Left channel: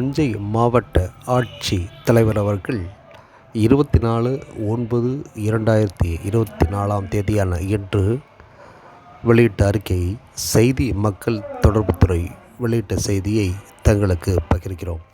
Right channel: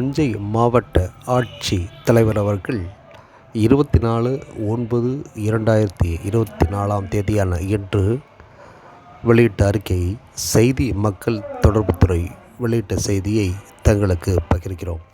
தஞ்சை மாவட்ட ஆட்சி தலைவர் அவர்கள் இருபத்தி நாலு ஒன்பது இரண்டாயிரத்தி இருபத்தி நாலாம் தேதியான இன்று வெளியிட்ட அறிக்கையை செய்தி மக்கள் தொடர்புத்துறை வெளியிட்ட செய்தியை தங்களுக்கு பகிர்கிறோம்.